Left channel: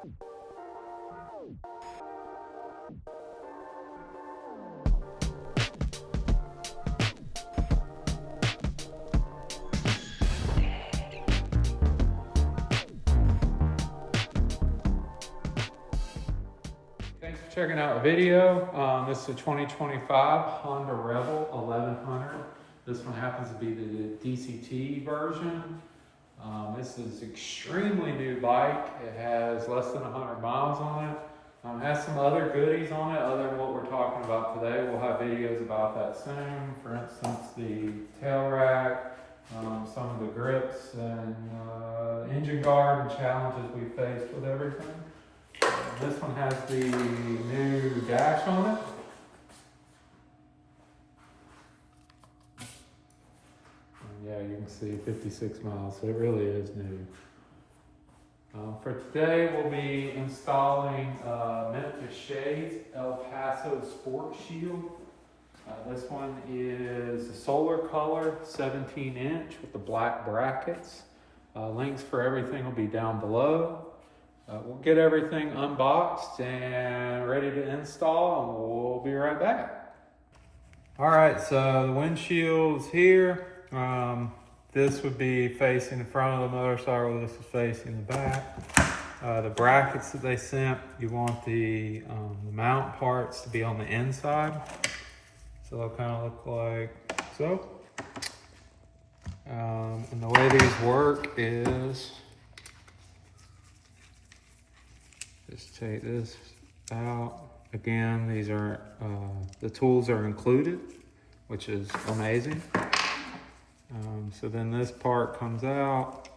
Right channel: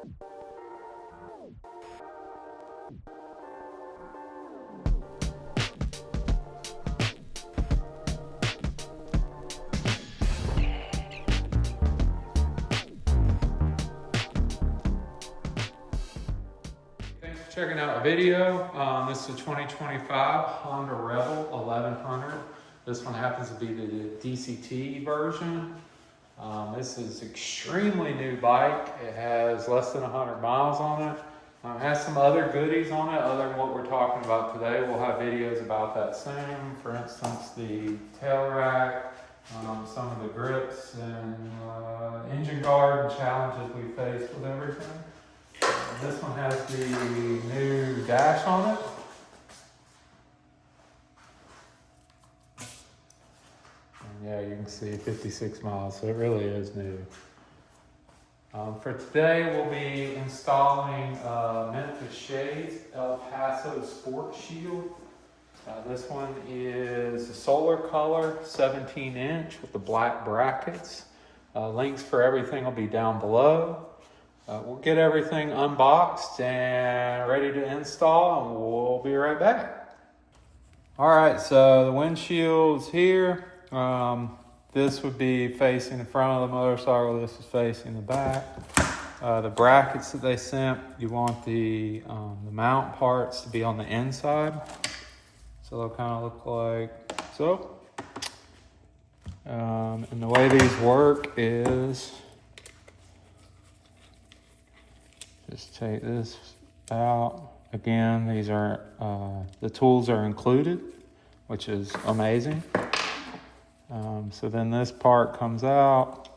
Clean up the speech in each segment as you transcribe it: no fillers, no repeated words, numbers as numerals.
Thanks for checking out the video. This is a 2025 Honda Rebel 1100. This one happens to be the DCT version. This is extremely new bike. It has less than 100 miles on it. It has some other goodies on it other than what we're talking about today. We'll have videos about that soon. For instance, the tail rack, some of the grips and engine guard and challenges we faced with everything. This one has the new dash on it. And yeah, you can see 56 miles, so it really is new. For today, we'll be installing Memphis shades, El Paso Sportshield. This one is a solar color, 17-inch with the black brackets. Links for everything will be down below. We'll get everything unboxed and ready to install, and we'll be right back. All right, so the windshield's here. This would be facing the front of the motorcycle. This is facing the back. The brackets that they sent, you want the mount parts to be on the inside. So they'll kind of look like so. And the way these work is, just take this out. Again, these are, the tools are included, which is amazing. So then this part comes out,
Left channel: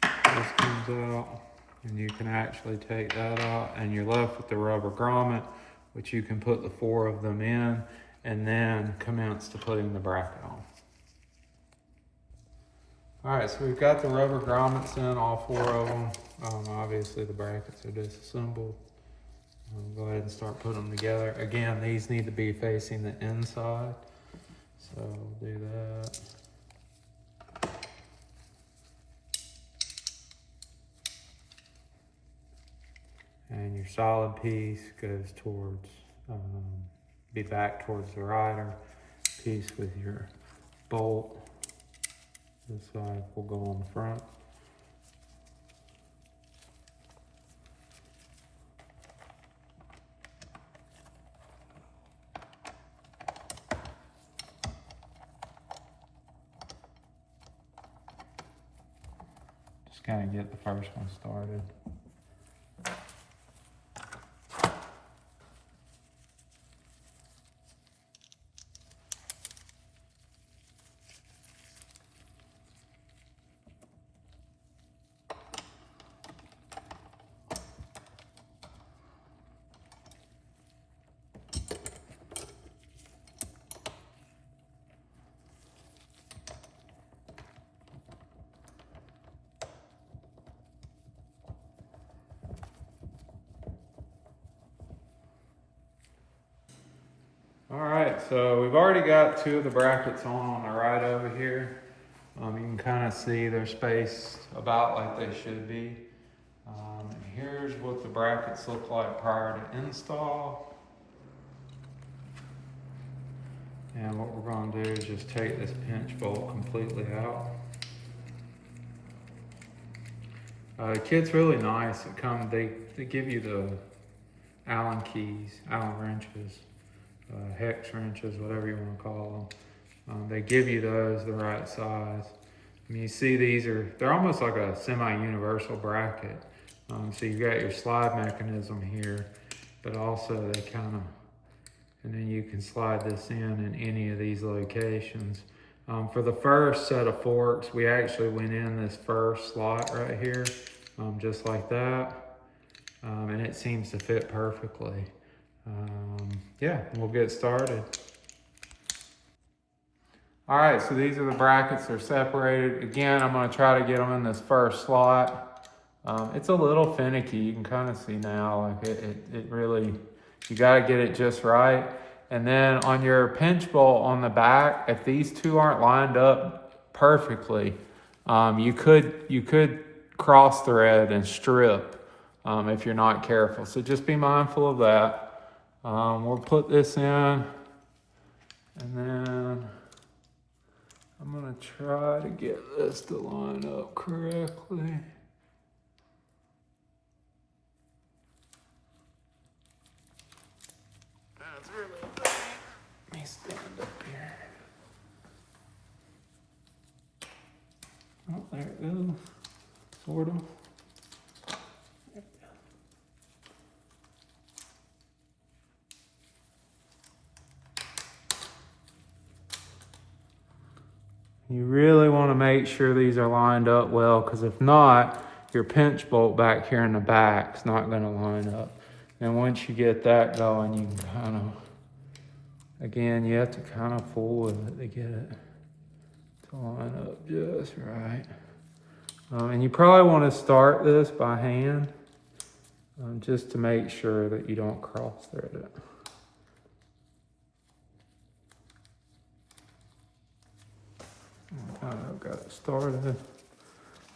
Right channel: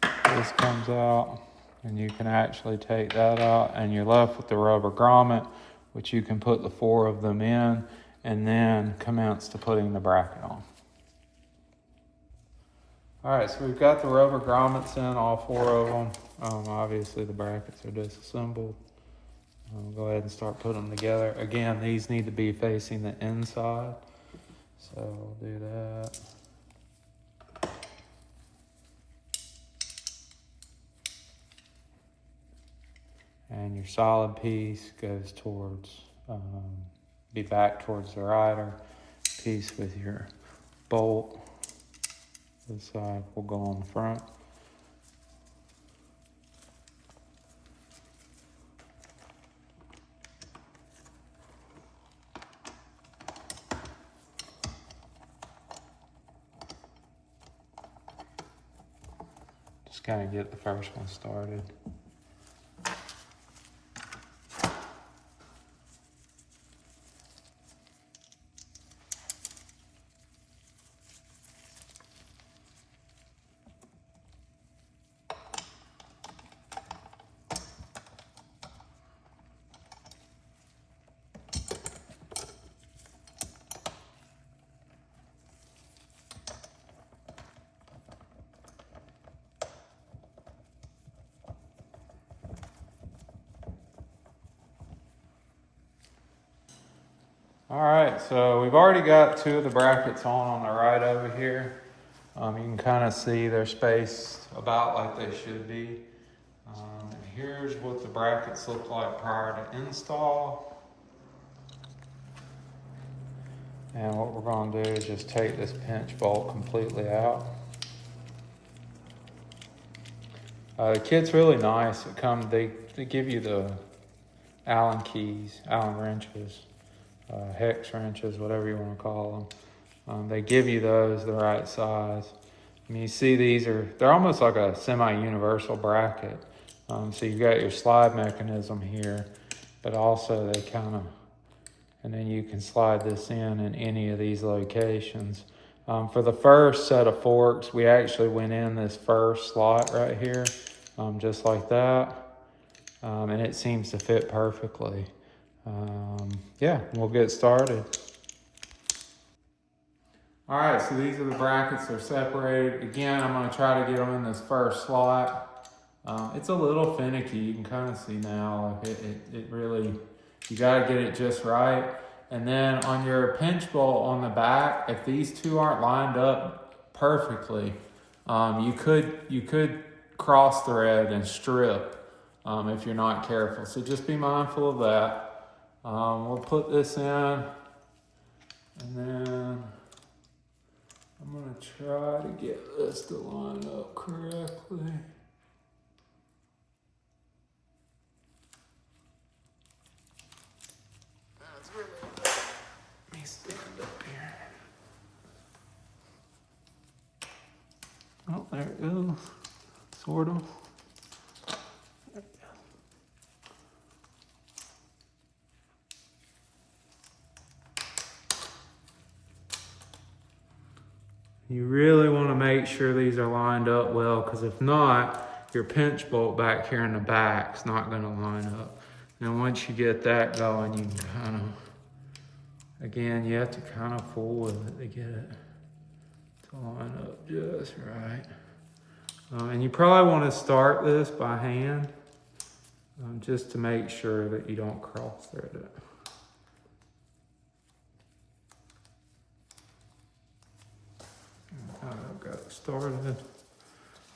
this comes out, and you can actually take that out, and you're left with the rubber grommet, which you can put the 4 of them in, and then commence to putting the bracket on. All right, so we've got the rubber grommets in, all 4 of them. Obviously the brackets are disassembled. We'll go ahead and start putting them together. Again, these need to be facing the inside, so we'll do that. And your solid piece goes towards, be back towards the rider. Piece with your bolt, this side will go on the front. Just kind of get the first one started. All right, so we've already got 2 of the brackets on the right over here. You can kind of see they're spaced about like they should be. And here's what the brackets look like prior to install. And what we're gonna do is just take this pinch bolt completely out. The kit's really nice. They give you the Allen keys, Allen wrenches. Hex wrenches, whatever you want to call them. They give you those the right size. I mean, you see they're almost like a semi-universal bracket. So you've got your slide mechanism here, but also and then you can slide this in any of these locations. For the first set of forks, we actually went in this first slot right here, just like that. And it seems to fit perfectly. Yeah, we'll get started. All right, so these are the brackets. They're separated. Again, I'm going to try to get them in this first slot. It's a little finicky. You can kind of see now, like it really, you got to get it just right. And then on your pinch bolt on the back, if these 2 aren't lined up perfectly, you could cross thread and strip if you're not careful. So just be mindful of that. We'll put this in, and then I'm gonna try to get this to line up correctly. That's really bad. Let me stand up here. Oh, there it is. Sort of. You really want to make sure these are lined up well, because if not, your pinch bolt back here in the back is not going to line up. And once you get that going, you can kind of, again, you have to kind of fool with it to get it to line up just right. And you probably want to start this by hand, just to make sure that you don't cross thread it. I've got it started.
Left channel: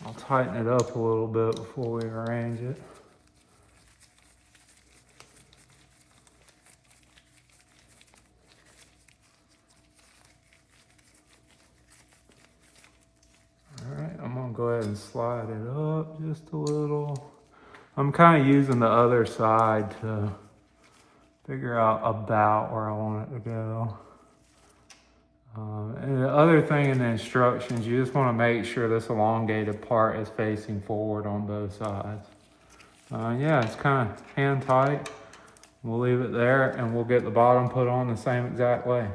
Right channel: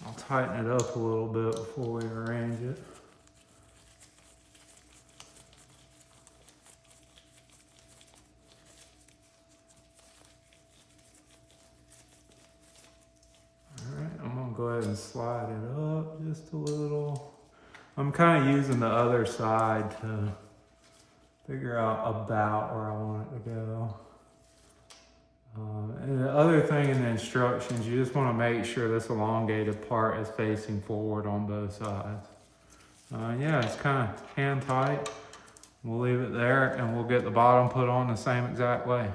I'll tighten it up a little bit before we arrange it. All right, I'm gonna go ahead and slide it up just a little. I'm kind of using the other side to figure out about where I want it to go. And the other thing in the instructions, you just want to make sure this elongated part is facing forward on both sides. Yeah, it's kind of hand tight. We'll leave it there, and we'll get the bottom put on the same exact way.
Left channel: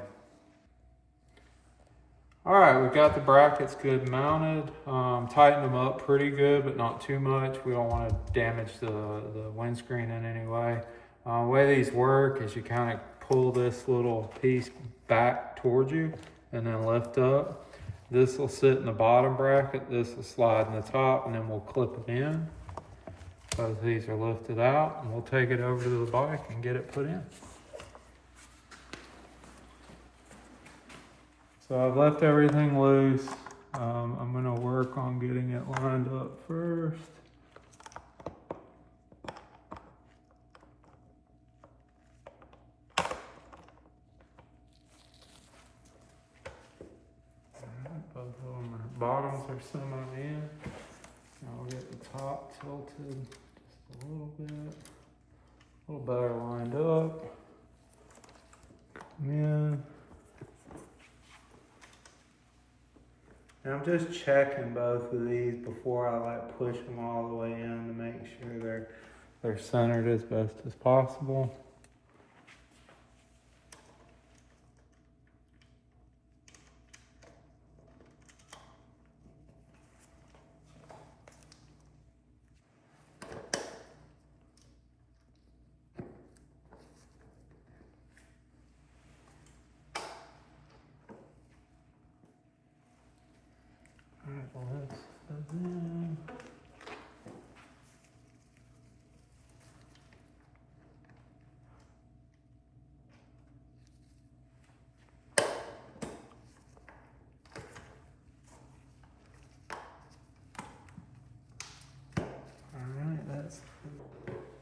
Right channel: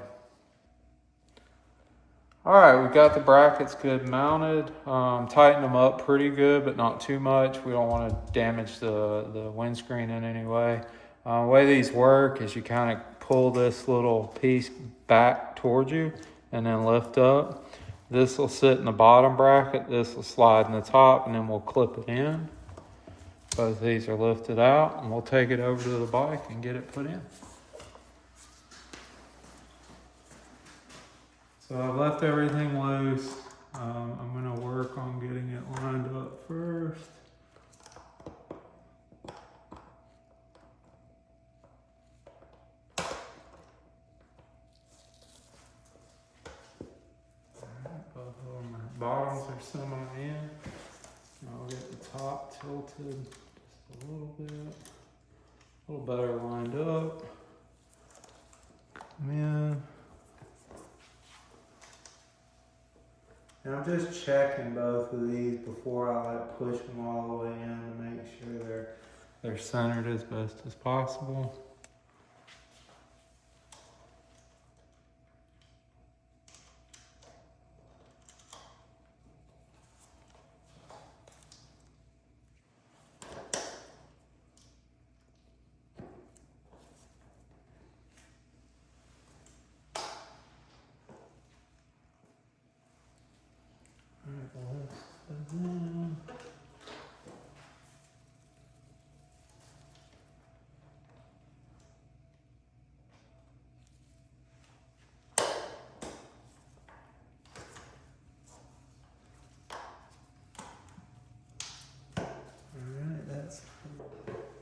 All right, we've got the brackets good mounted. Tighten them up pretty good, but not too much. We don't want to damage the windscreen in any way. The way these work is you kind of pull this little piece back towards you and then lift up. This will sit in the bottom bracket, this will slide in the top, and then we'll clip it in. Both these are lifted out, and we'll take it over to the bike and get it put in. So I've left everything loose. I'm gonna work on getting it lined up first. Both of them are, bottoms are semi-in. I'll get the top tilted just a little bit. A little better lined up. Come in. And I'm just checking both of these before I push them all the way in to make sure they're centered as best as possible.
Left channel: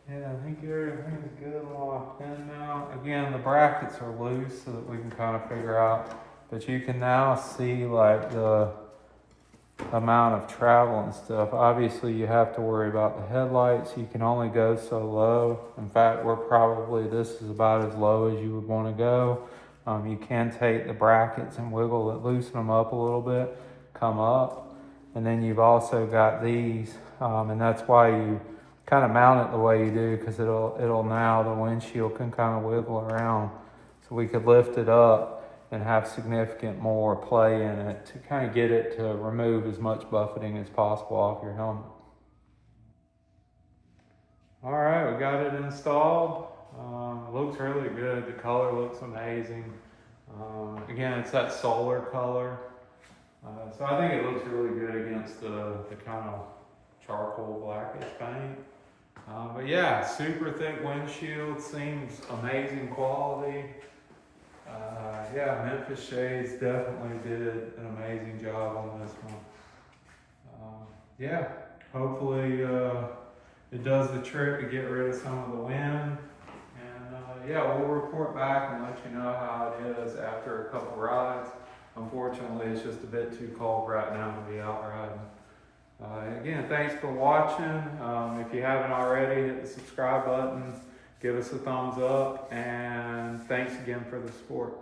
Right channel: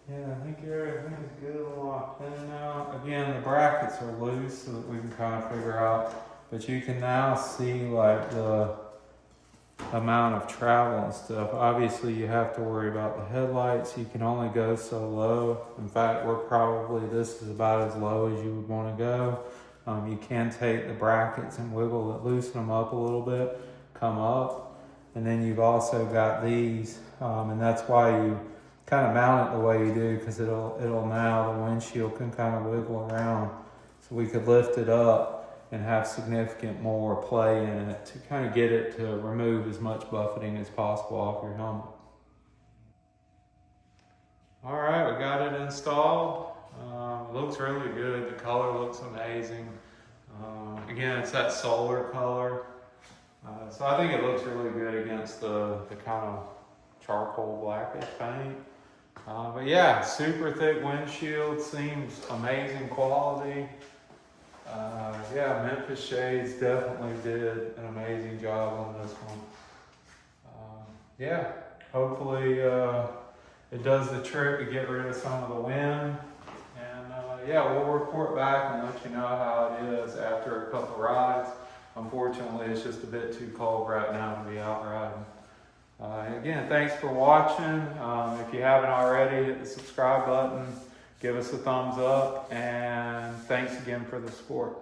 Yeah, I think everything's good and locked in now. Again, the brackets are loose so that we can kind of figure out, but you can now see like the amount of travel and stuff. Obviously you have to worry about the headlights. You can only go so low. In fact, this is about as low as you would want to go. You can take the brackets and wiggle it, loosen them up a little bit, come up. And then you've also got these, and that's why you kind of mount it the way you do, because it'll now, the windshield can kind of wiggle around. So we could lift it up and have significant more play in it to kind of get it to remove as much buffeting as possible off your helmet. All right, we got it installed. Looks really good. The color looks amazing. Again, it's that solar color. So I think it looks really good against the kind of charcoal blackish paint. But yeah, super thick windshield, seems amazing quality. Yeah, Memphis Shades definitely did an amazing job on this one. Yeah, hopefully it does the trick to get rid of some of the wind. And yeah, we'll report back and let you know how it is after a couple rides. Unfortunately, it's just a bit too cold right now to be out riding. Again, thanks for watching. If you haven't already, hit the subscribe button, give us a thumbs up, and thanks again for the support.